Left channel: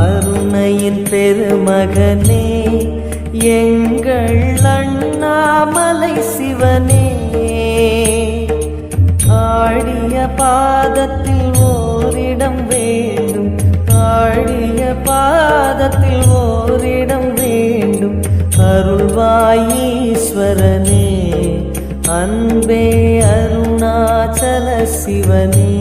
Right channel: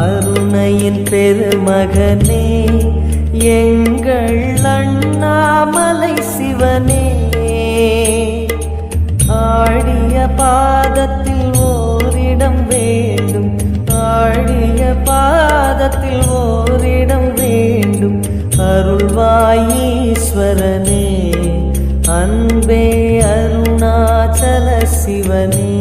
அருணையின் பெருமகனே எங்கள் அண்ணாமலை சிவனே, ஆடிய பாதத்தில் ஓரிடம் வேண்டும், ஆடிய பாதத்தில் ஓரிடம் வேண்டும். அருள்வாயீஸ்வரனே, அன்பே அருணாச்சல சிவனே.